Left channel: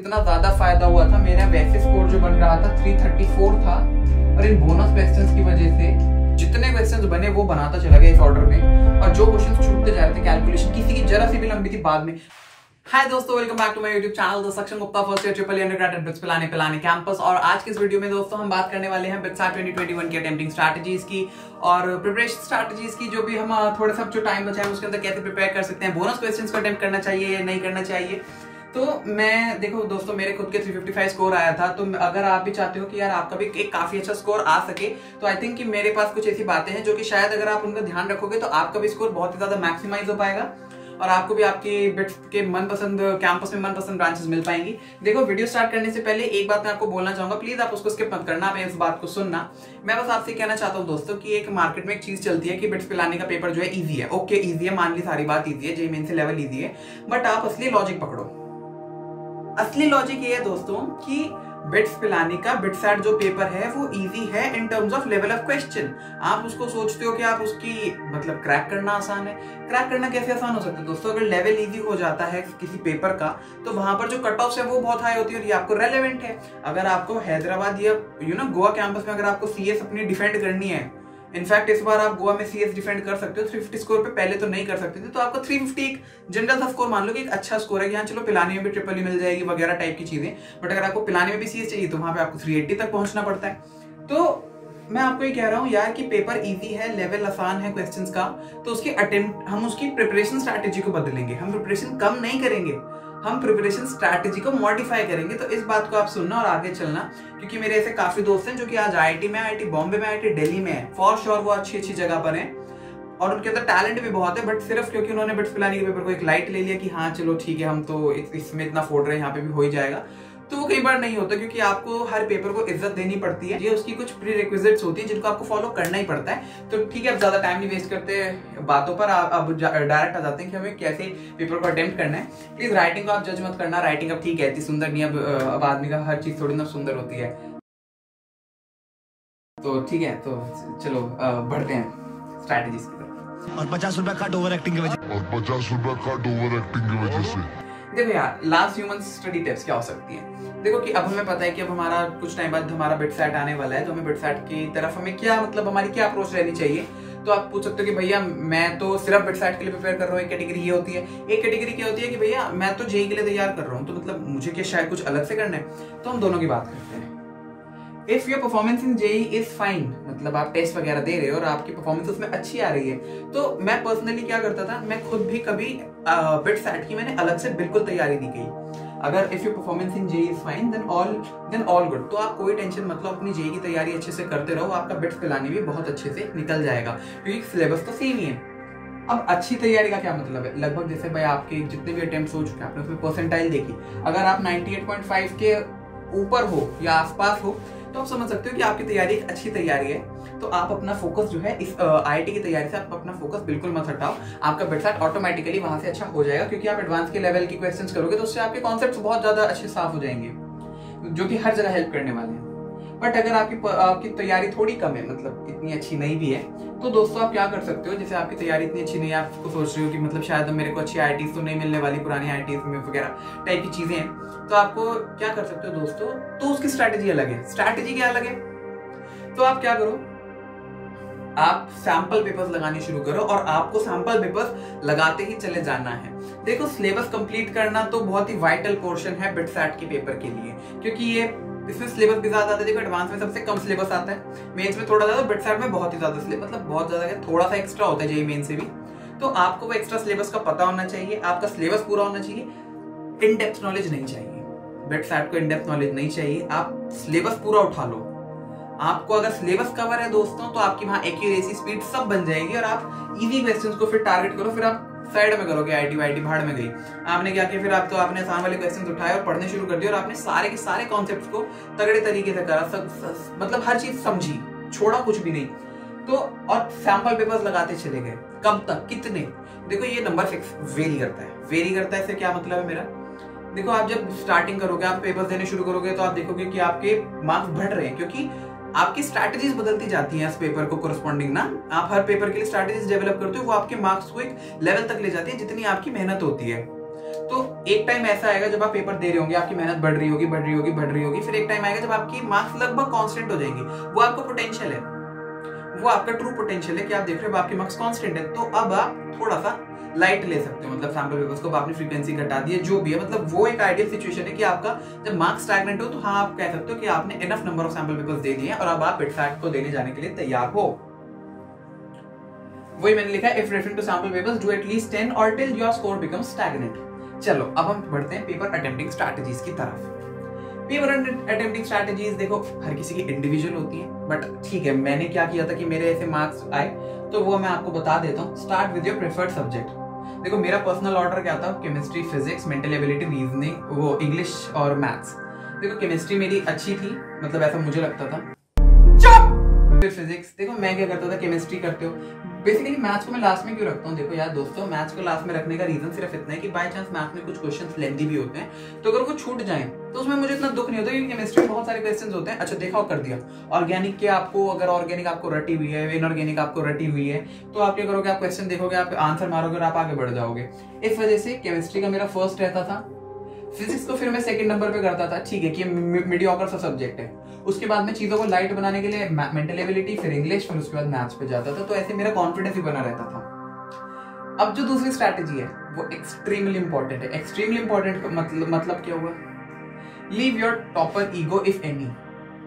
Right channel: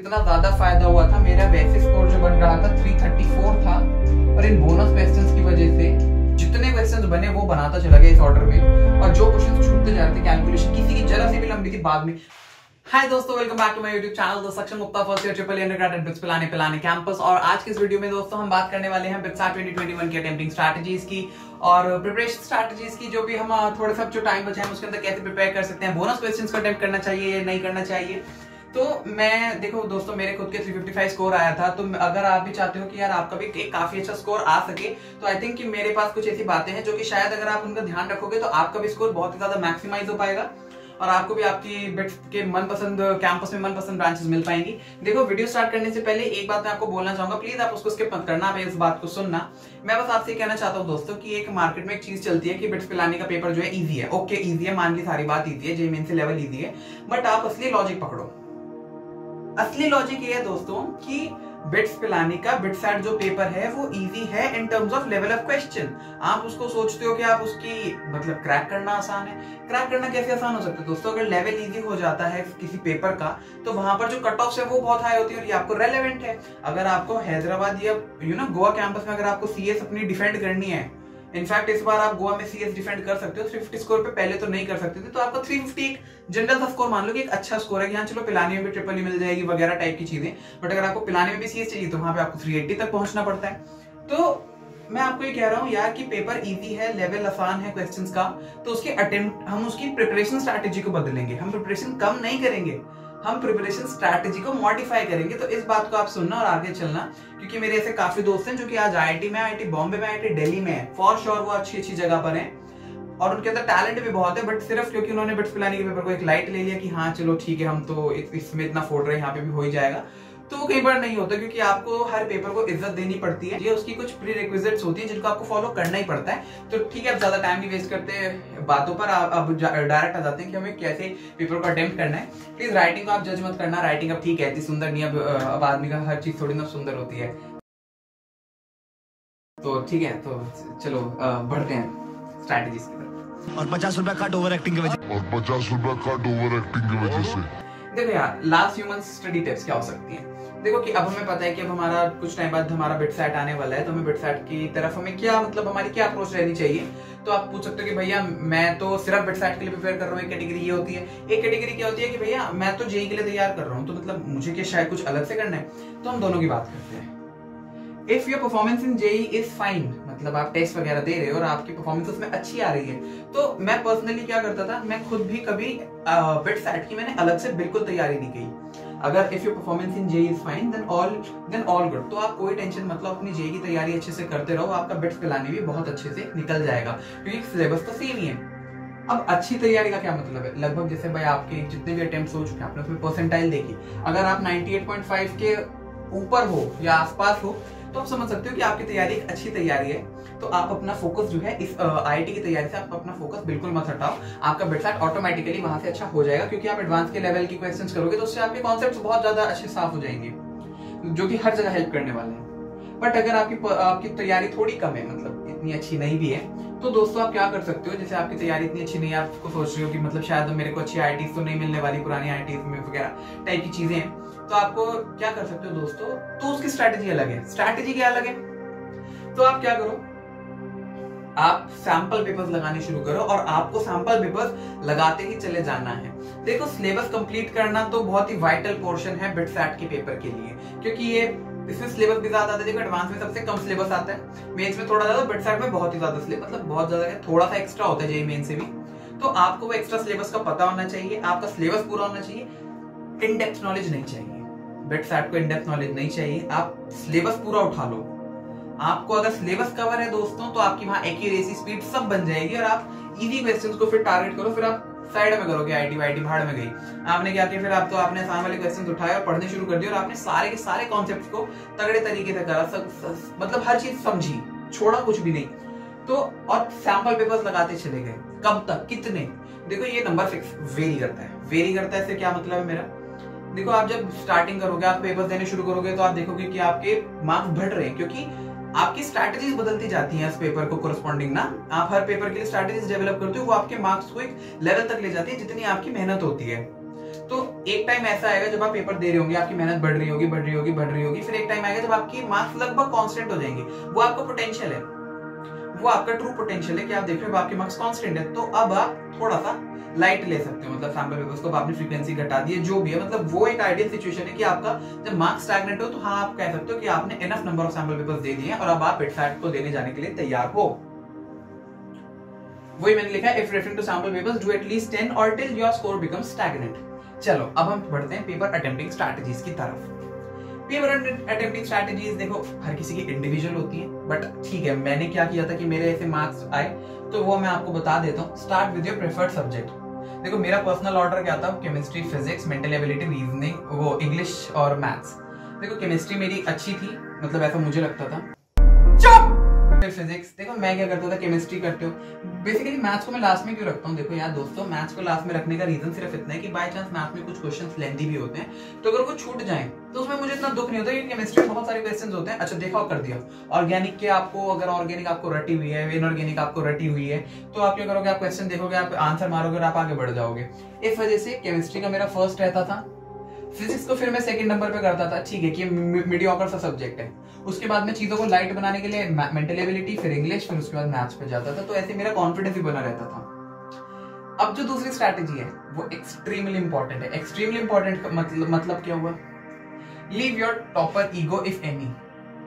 इतना ज्यादा फायदा हुआ था, मेरा वैसे स्कोर जो बन रहा था 334 था, और इन बोनस क्वेश्चंस की वजह से जितने क्वेश्चंस बने वो बनाता चला गया इस ऑर्डर में, और जो क्वेश्चंस छूटते जा रहे थे कैलकुलेशन किसी की जरा सी भी लंबी थी बाद में। हाय दोस्तों, welcome back to my YouTube channel the Saksham Gupta first year triple undergraduate BITS Pilani campus. और आज के इस वीडियो में दोस्तों हम बात करने वाले हैं बिट्सैट 2021 की अटेम्प्टिंग स्ट्रैटेजीज की और प्रिपरेशन स्ट्रैटेजीज की, जो भी हम थोड़ा सा जो टाइम बचा है उसके अंदर कैसे प्रिपेयर कर सकते हैं, बोनस क्वेश्चंस को अटेम्प्ट करना चाहिए या नहीं करना चाहिए। तो मैं देखो दोस्तों, मेरे खुद के 355 स्कोर आया था, तो अगर आप भी चाहते हो कि यार आपका भी एक काफी अच्छा स्कोर आ सके, तो आई थिंक कि मेरे पास कुछ ऐसी बातें हैं जो कि शायद अगर आप उनका ध्यान रखोगे तो आपका भी स्कोर बहुत ही ज्यादा मैक्सिमाइज हो पाएगा और आपको भी आपकी बिट्स के मनपसंद कैंपस में मनपसंद ब्रांचेस मिल पाएंगी। देखो, वीडियो स्टार्ट करने से पहले एक बात मैं आपको बोलना चाहूंगा, प्लीज आप उसको स्किप मत करना, मैं इस बात को सुनना। मैं बस आपसे कहना चाहता हूँ दोस्तों कि एक मार्केट में एक चीज चलती है कि बिट्स पिलाने का पेपर जो है इजी है। ओके, इजी है, मान ली सारी बात इजी है, जेईई मेंस से लेवल इजी है, बट आप असली लॉजिक पकड़ो। असली लॉजिक ये है दोस्तों कि बिट्स पिलाने का बिट्सैट जो पेपर है वो इजी है in terms of level of question. आप उसको सोचते हो कि आप उसकी मतलब क्रैक करना आसान है। क्रैक करना कैसे आसान हो सकता है दोस्तों? अगर लेवल इजी हो जाता है किसी पेपर का तो वहां पर जो कट ऑफ है वो बहुत हाई होती है और ये आपको रेलेवेंट है। अगर आपको हैदराबाद या गोवा कैंपस में अगर आपको सीएस अपनी डिफेंड करनी है, इनफैक्ट इस बार आप गोवा में सीएस डिफेंड कर सकते हो 350 स्कोर पे, पहले तो नहीं कर सकते थे, तो आपको 350 एक जनरल सा स्कोर मान लो कि एक अच्छा स्कोर है, यहाँ चलो पिलाने में भी ट्रिपल मिल जाएगी वगैरह टाइप की चीजें, बट अगर आपको पिलाने में भी सीएस चाहिए तो वहां पे आपको 380 तक पहुंचना पड़ता है। तो मैं आपको ये कह रहा हूँ यार कि पेपर इजी है, लेवल आसान है क्वेश्चंस का, तो उसके अटेम्प्ट हम उसकी प्रिपरेशन स्ट्रैटेजी को बदलेंगे। हम प्रिपरेशन कम नहीं करेंगे, हम प्रिपरेशन स्ट्रैटेजी को मॉडिफाई करेंगे। तो इस बात को आप सुनना और आगे चलना, क्योंकि मेरे ऐसे काफी दोस्त हैं जो कि आज आईआईटी में, आईआईटी बॉम्बे में, आईआईटी दिल्ली में है, फॉर श्योर वो अच्छी अच्छी जगह पर हैं और उनके अंदर टैलेंट भी बहुत है, बट सिर्फ क्योंकि उन्होंने बिट्स पिलाने के पेपर को एक लाइट ले लिया कि हाँ चलो ठीक है, हम तो इसमें इतना फोड़ रहे हैं, यहाँ पे भी हो ही जाएगा, तो वो कई बार नहीं होता, क्योंकि आपको हर पेपर को इज्जत देनी पड़ती है। ये उसकी कुछ प्री रिक्विजिट्स होती है जिनको आपको फॉलो करना ही पड़ता है। तो ठीक है, अब ज्यादा टाइम नहीं वेस्ट करते बातों पर, अब डायरेक्ट आ जाते हैं कि हमें कैसे पेपर को अटेम्प्ट करना है। प्लीज राइटिंग को आप जज मत करना, राइटिंग अब ठीक है, इतनी सुंदर नहीं, अब आदमी का हर चीज थोड़ी ना सुंदर होती है। तो ठीक है, तो चलो बढ़ते हैं स्ट्रैटेजीज की तरफ। और 50 रुपया कट ओवर एक्टिंग की वजह से देखो यार, लास्ट ह्यूमन स्टडी टिप्स क्या हो सकती है। देखो कि अब हमें पता है कि अब हमारा कुछ टाइम बाद हमारा बिट्सैट आने वाला है, तो हमें बिट्सैट की तरफ हमें क्या मतलब हमारी क्या अप्रोच रहनी चाहिए। तो आप पूछ सकते हो कि भैया मैं तो सिर्फ बिट्सैट के लिए प्रिपेयर कर रहा हूँ, एक कैटेगरी ये होती है। एक कैटेगरी क्या होती है कि भैया मैं तो जेईई के लिए तैयार कर रहा हूँ, तो मतलब मुझे क्या शायद कुछ अलग से करना है। तो हम दोनों की बात करते हैं। If your performance in JEE is fine, मतलब आप टेस्ट वगैरह दे रहे हो और आपकी परफॉर्मेंस उसमें अच्छी आ रही है, तो मैं पर्सनली क्या करता था, मैं खुद भी कभी बिट्सैट की मैंने अलग से बिल्कुल तैयारी नहीं की। अगर if your performance in JEE is fine then all good, तो आप कोई टेंशन मतलब अपनी जेईई की तैयारी अच्छे से करते रहो, आपका बिट्स पिलाने भी बहुत अच्छे से निकल जाएगा, क्योंकि सिलेबस तो सेम ही है। अब अच्छी तैयारी का क्या मतलब है? लगभग जैसे भाई आपके जितने भी अटेम्प्ट्स हो चुके हैं, आपने उसमें परसेंटाइल देखी, अगर आप 98.5 के ऊपर हो या आसपास हो तो आप समझ सकते हो कि आपकी तैयारी एक अच्छी तैयारी है। तो आप अपना फोकस जो है इस आईआईटी की तैयारी से आप अपना फोकस बिल्कुल मत हटाओ, आपका बिट्सैट ऑटोमेटिकली वहां से अच्छा हो जाएगा, क्योंकि आप एडवांस के लेवल की क्वेश्चंस करोगे तो उससे आपके कॉन्सेप्ट्स बहुत ज्यादा अच्छे साफ हो जाएंगे, जो कि हर जगह हेल्प करने वाले हैं। बट अगर आपकी तैयारी थोड़ी कम है, मतलब इतनी अच्छी नहीं भी है, तो दोस्तों आप क्या कर सकते हो, जैसे आपकी तैयारी इतनी अच्छी नहीं है, आपको सोच रहे हो कि मतलब शायद मेरे को अच्छी आईआईटी तो नहीं मिलने वाली, पुरानी आईआईटी में वगैरह टाइप की चीजें हैं, तो आपको क्या कर सकते हो दोस्तों, तो उसकी स्ट्रैटेजी अलग है। स्ट्रैटेजी क्या अलग है? तो आप क्या करो, आप सैंपल पेपर्स लगाने शुरू करो और आपको सैंपल पेपर्स लगाते ही चले जाना है। देखो, सिलेबस कंप्लीट करना तो बहुत ही वाइटल पोर्शन है बिट्सैट के पेपर के लिए, क्योंकि ये इसमें सिलेबस भी ज्यादा आता है। देखो, एडवांस में सबसे कम सिलेबस आता है, मेंस में थोड़ा ज्यादा, बिट्सैट में बहुत ही ज्यादा सिलेबस, मतलब बहुत ज्यादा है, थोड़ा सा एक्स्ट्रा होता है जेईई मेन से भी। तो आपको वो एक्स्ट्रा सिलेबस का पता होना चाहिए, आपका सिलेबस पूरा होना चाहिए, इन डेप्थ नॉलेज नहीं चाहिए। बिट्सैट को इन डेप्थ नॉलेज नहीं चाहिए, आप सिलेबस पूरा उठा लो। आपको अगर सिलेबस कवर है दोस्तों, तो आपकी वहां एक्यूरेसी स्पीड सब बन जाएगी और आप इजी क्वेश्चंस को फिर टारगेट करो, फिर आप साइड में करोगे। आईटी वाईटी भाड़ में गई, आपने क्या किया, फिर आप तो आपने आसान वाले क्वेश्चंस उठाए और पढ़ने शुरू कर दिए और आपने सारे के सारे कॉन्सेप्ट्स को तगड़े तरीके से करा, मतलब हर चीज समझी, छोड़ा कुछ भी नहीं। तो और सैंपल पेपर्स लगाते चले गए, कब तक, कितने? देखो, ये नंबर फिक्स वेरी करता है। इससे क्या मतलब है मेरा? देखो, आप जब स्टार्टिंग करोगे, आप पेपर्स देने शुरू करोगे, तो आप देखोगे कि आपके मार्क्स बढ़ रहे हैं, क्योंकि आपकी स्ट्रैटेजीज बदलती जाती हैं इस पेपर को कोरस्पॉन्डिंग ना। आप हर पेपर के लिए स्ट्रैटेजीज डेवलप करते हो, वो आपके मार्क्स को एक लेवल तक ले जाती है जितनी आपकी मेहनत होती है। तो एक टाइम ऐसा आएगा जब आप पेपर दे रहे होंगे, आपकी मेहनत बढ़ रही होगी, फिर एक टाइम आएगा जब आपकी मार्क्स लगभग कांस्टेंट हो जाएंगे। वो आपका पोटेंशियल है, वो आपका ट्रू पोटेंशियल है कि आप देख रहे हो आपके मार्क्स कांस्टेंट है, तो अब आप थोड़ा सा लाइट ले सकते हो, मतलब सैंपल पेपर्स को आपने फ्रीक्वेंसी घटा दी है, जो भी है, मतलब वो एक आइडियल सिचुएशन है कि आपका जब मार्क्स स्टैग्नेंट हो तो हाँ आप कह सकते हो कि आपने enough number of sample papers दे दिए हैं और अब आप बिटफैट को देने जाने के लिए तैयार हो। वही मैंने लिखा है, if referring to sample papers do at least 10 और till your score becomes stagnant. चलो अब हम बढ़ते हैं पेपर अटेम्प्टिंग स्ट्रैटेजीज की तरफ। पेपर अटेम्प्टिंग स्ट्रैटेजीज देखो हर किसी की इंडिविजुअल होती है, बट ठीक है मैंने क्या किया था कि मेरे ऐसे मार्क्स आए तो वो मैं आपको बता देता हूँ। Start with your preferred subject. देखो मेरा पर्सनल ऑर्डर क्या था, chemistry, physics, mental ability, reasoning, वो इंग्लिश और मैथ्स। देखो केमिस्ट्री मेरी अच्छी थी, मतलब ऐसा मुझे लगता था। फिर फिजिक्स, देखो मैं क्या करता था, केमिस्ट्री करते हो बेसिकली। मैथ्स को मैं लास्ट में क्यों रखता हूँ, देखो यार दोस्तों मैथ्स को लास्ट में रखने का रीजन सिर्फ इतना है कि बाय चांस मैथ्स में कुछ क्वेश्चंस लेंथी भी होते हैं, तो अगर वो छूट जाएं तो उसमें मुझे इतना दुख नहीं होता, क्योंकि केमिस्ट्री में बहुत सारे क्वेश्चंस होते हैं। अच्छा देखा कर दिया, ऑर्गेनिक के आपको, अगर ऑर्गेनिक आपको रटी हुई है, इनऑर्गेनिक आपको रटी हुई है, तो आप क्या करोगे, आप क्वेश्चन देखोगे, आप आंसर मारोगे और आप आगे बढ़ जाओगे। इस वजह से केमिस्ट्री का मेरा फर्स्ट रहता था। फिजिक्स को फिर मैं सेकंड नंबर पे करता था, ठीक है कि मीडियोकर सा सब्जेक्ट है। उसके बाद में चीजों को लाइट बनाने के लिए मेंटल एबिलिटी, फिर इंग्लिश, फिर उसके बाद मैथ्स पे जाता था, तो ऐसे मेरा कॉन्फिडेंस भी बना रहता था। अब जो दूसरी स्ट्रैटेजी है वो एक्सट्रीमली इंपॉर्टेंट है। एक्सट्रीमली इंपॉर्टेंट मतलब क्या हुआ, leave your topper ego if any,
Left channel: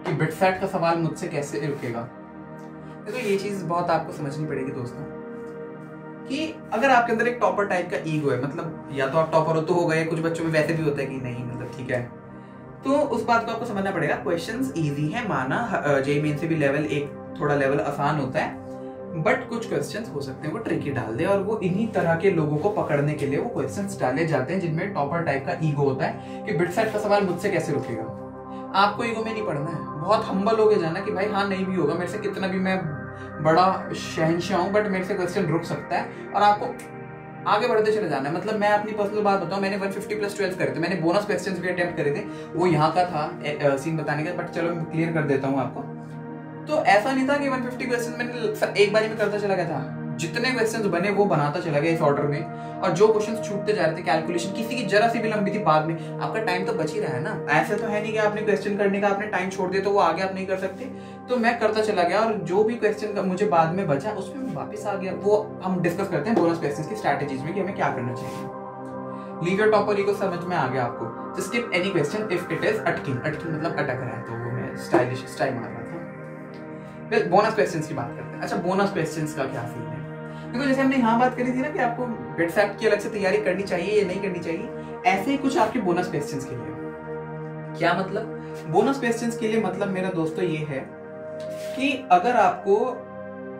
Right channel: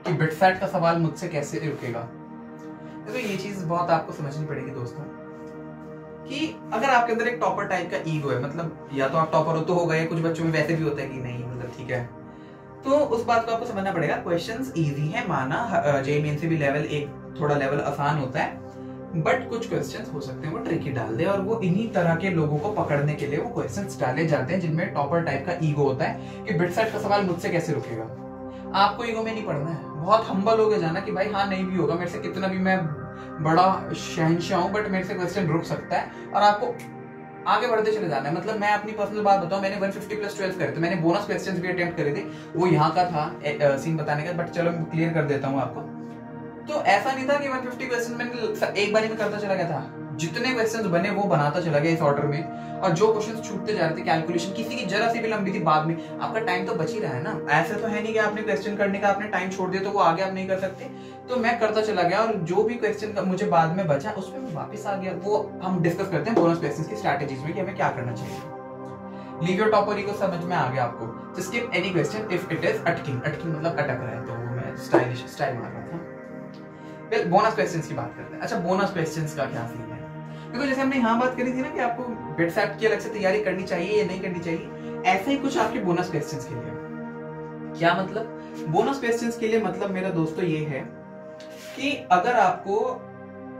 कि बिटफैट का सवाल मुझसे कैसे रुकेगा। तो ये चीज बहुत आपको समझनी पड़ेगी दोस्तों, कि अगर आपके अंदर एक टॉपर टाइप का ईगो है, मतलब या तो आप टॉपर हो तो हो गए, कुछ बच्चों में वैसे भी होता है कि नहीं, मतलब ठीक है, तो उस बात को आपको समझना पड़ेगा। क्वेश्चंस इजी है माना, जेईई मेन से भी लेवल एक थोड़ा लेवल आसान होता है, बट कुछ क्वेश्चंस हो सकते हैं वो ट्रिकी डाल दे, और वो इन्हीं तरह के लोगों को पकड़ने के लिए वो क्वेश्चंस डाले जाते हैं जिनमें टॉपर टाइप का ईगो होता है कि बिटफैट का सवाल मुझसे कैसे रुकेगा। आपको ईगो में नहीं पढ़ना है, बहुत हम्बल हो गए जाना कि भाई हाँ नहीं भी होगा मेरे से, कितना भी मैं बड़ा शहंशाह हूं, बट मेरे से क्वेश्चन रुक सकता है, और आपको आगे बढ़ते चले जाना है। मतलब मैं अपनी पर्सनल बात बताऊं, मैंने 150+12 करे थे, मैंने बोनस क्वेश्चंस भी अटेम्प्ट करे थे, वो यहाँ का था सीन बताने का, बट चलो मैं क्लियर कर देता हूँ आपको। तो ऐसा नहीं था कि 150 क्वेश्चन मैंने एक बार में करता चला गया था, जितने क्वेश्चंस बने वो बनाता चला गया इस ऑर्डर में, और जो क्वेश्चंस छूटते जा रहे थे, कैलकुलेशन किसी की जरा सी भी लंबी थी, बाद में आपका टाइम तो बच ही रहा है ना। ऐसा तो है नहीं कि आपने क्वेश्चन करने का आपने टाइम छोड़ दिया तो वो आगे आप नहीं कर सकते, तो मैं करता चला गया, और जो भी क्वेश्चन मुझे बाद में बचा उसमें मैं वापस आ गया। वो हम डिस्कस करते हैं बोनस क्वेश्चंस की स्ट्रैटेजीज में कि हमें क्या करना चाहिए। लीव योर टॉपर ईगो समझ में आ गया आपको। तो skip any question if it is अटकिंग, अटकिंग मतलब अटक रहा है, तो वो मैं स्टाइलिश स्टाइल मार रहा था। फिर बोनस क्वेश्चंस की बात करते हैं। अच्छा बोनस क्वेश्चंस का क्या सीन है, क्योंकि जैसे हमने यहाँ बात करी थी ना कि आपको बिटफैट की अलग से तैयारी करनी चाहिए या नहीं करनी चाहिए, ऐसे ही कुछ आपके बोनस क्वेश्चंस के लिए। क्या मतलब, बोनस क्वेश्चंस के लिए मतलब मेरा दोस्तों ये है कि अगर आपको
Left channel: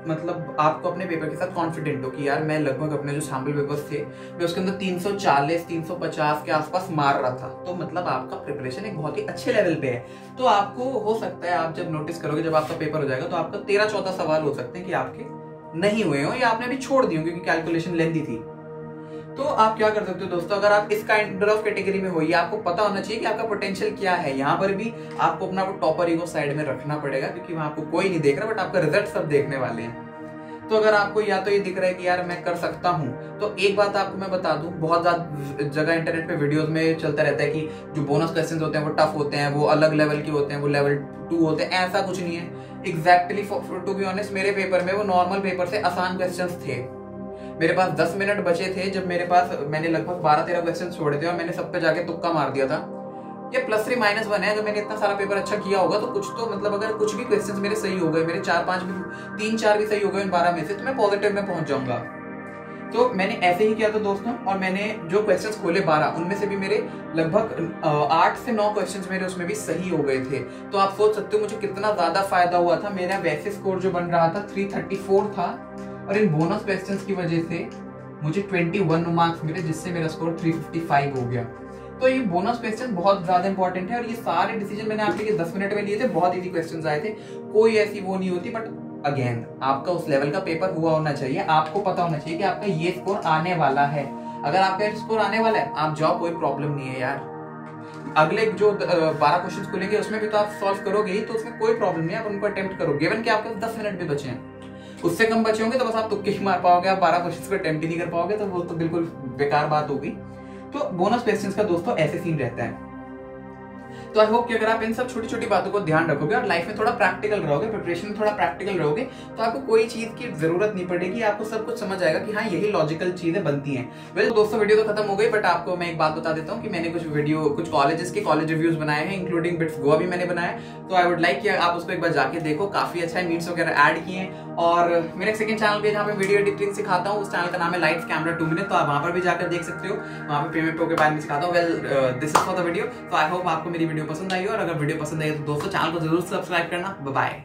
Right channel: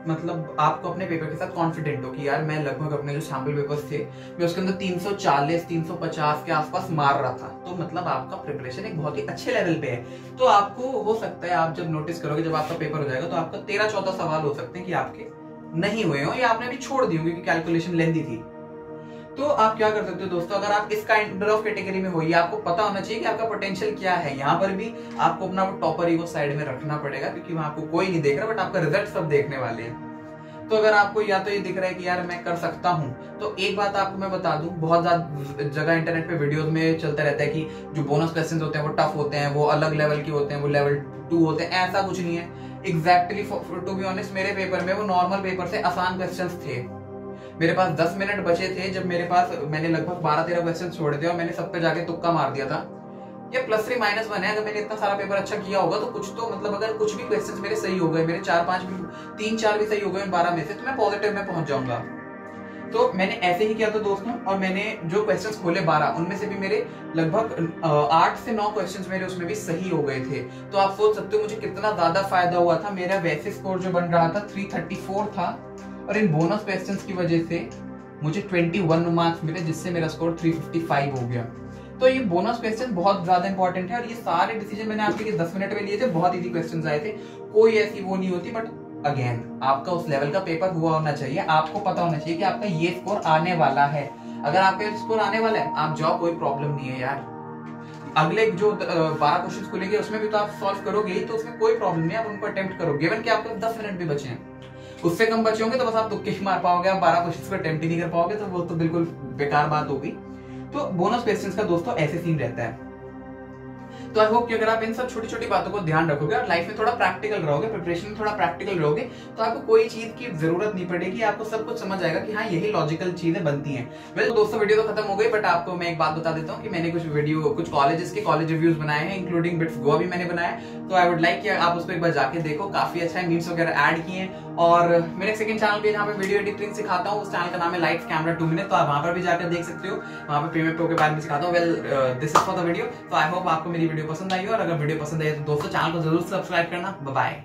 मतलब आपको अपने पेपर के साथ कॉन्फिडेंट हो कि यार मैं लगभग अपने जो सैंपल पेपर्स थे मैं उसके अंदर 340 350 के आसपास मार रहा था, तो मतलब आपका प्रिपरेशन एक बहुत ही अच्छे लेवल पे है। तो आपको हो सकता है आप जब नोटिस करोगे, जब आपका पेपर हो जाएगा, तो आपका 13-14 सवाल हो सकते हैं कि आपके नहीं हुए हो या आपने अभी छोड़ दी हो क्योंकि कैलकुलेशन लेंथी थी। तो आप क्या कर सकते हो दोस्तों, अगर आप इस काइंड ऑफ कैटेगरी में हो, ये आपको पता होना चाहिए कि आपका पोटेंशियल क्या है। यहाँ पर भी आपको अपना टॉपर ईगो साइड में रखना पड़ेगा, क्योंकि वहां आपको कोई नहीं देख रहा, बट आपका रिजल्ट सब देखने वाले हैं। तो अगर आपको या तो ये दिख रहा है कि यार मैं कर सकता हूँ, तो एक बात आपको मैं बता दूं, बहुत ज्यादा जगह इंटरनेट पे वीडियोस में चलता रहता है कि जो बोनस क्वेश्चंस होते हैं वो टफ होते हैं, वो अलग लेवल के होते हैं, वो लेवल 2 होते हैं। ऐसा कुछ नहीं है। एग्जैक्टली टू बी ऑनेस्ट, मेरे पेपर में वो नॉर्मल पेपर से आसान क्वेश्चंस थे। मेरे पास 10 मिनट बचे थे, जब मेरे पास मैंने लगभग 12-13 क्वेश्चन छोड़े थे और मैंने सब पे जाके तुक्का मार दिया था। ये +3 -1 है। अगर मैंने इतना सारा पेपर अच्छा किया होगा तो कुछ तो मतलब अगर कुछ भी क्वेश्चंस मेरे सही हो गए, मेरे 4-5 3-4 भी सही हो गए 12 में से, तो मैं पॉजिटिव में पहुंच जाऊंगा। तो मैंने ऐसे ही किया था दोस्तों, और मैंने जो क्वेश्चंस खोले 12, उनमें से भी मेरे लगभग 8 से 9 क्वेश्चंस मेरे उसमें भी सही हो गए थे। तो आप सोच सकते हो मुझे कितना ज्यादा फायदा हुआ था। मेरा वैसे स्कोर जो बन रहा था 334 था, और इन बोनस क्वेश्चंस की वजह से मुझे 21 मार्क्स मिले, जिससे मेरा स्कोर 355 हो गया। तो ये बोनस क्वेश्चन बहुत ज्यादा इंपॉर्टेंट है, और ये सारे डिसीजन मैंने आपके लिए 10 मिनट में लिए थे। बहुत इजी क्वेश्चंस आए थे, कोई ऐसी वो नहीं होती, बट अगेन आपका उस लेवल का पेपर हुआ होना चाहिए। आपको पता होना चाहिए कि आपका ये स्कोर आने वाला है। अगर आपका स्कोर आने वाला है, आप जाओ, कोई प्रॉब्लम नहीं है यार। अगले जो 12 क्वेश्चन खुलेंगे उसमें भी तो आप सॉल्व करोगे ही, तो उसमें कोई प्रॉब्लम नहीं है, आप उनको अटेम्प्ट करो। गिवन कि आपके 10 मिनट भी बचे हैं, उससे कम बचे होंगे तो बस आप तुक्के ही मार पाओगे, आप 12 क्वेश्चन को अटेम्प्ट ही नहीं कर पाओगे, तो वो तो बिल्कुल बेकार बात होगी। तो बोनस क्वेश्चंस का दोस्तों ऐसे सीन रहता है। तो आई होप कि अगर आप इन सब छोटी छोटी बातों को ध्यान रखोगे और लाइफ में थोड़ा प्रैक्टिकल रहोगे, प्रिपरेशन में थोड़ा प्रैक्टिकल रहोगे, तो आपको कोई चीज की जरूरत नहीं पड़ेगी, आपको सब कुछ समझ आएगा कि हाँ यही लॉजिकल चीजें बनती हैं। वेल दोस्तों वीडियो तो खत्म हो गई, बट आपको मैं एक बात बता देता हूँ कि मैंने कुछ कॉलेजेस के कॉलेज रिव्यूज बनाए हैं, इंक्लूडिंग बिट्स गोवा भी मैंने बनाया। तो आई वुड लाइक कि आप उसको एक बार जाके देखो, काफी अच्छा है, मीम्स वगैरह ऐड किए हैं। और मेरे सेकंड चैनल पे जहाँ पे वीडियो एडिटिंग सिखाता हूँ, उस चैनल का नाम है लाइट्स कैमरा 2 मिनट, तो आप वहां पर भी जाकर देख सकते हो, वहां पे पेमेंट प्रो के बारे में सिखाता हूँ। Well this is for the video. तो आई होप आपको मेरी वीडियो पसंद आई, और अगर वीडियो पसंद आई तो दोस्तों चैनल को जरूर सब्सक्राइब करना। Bye bye.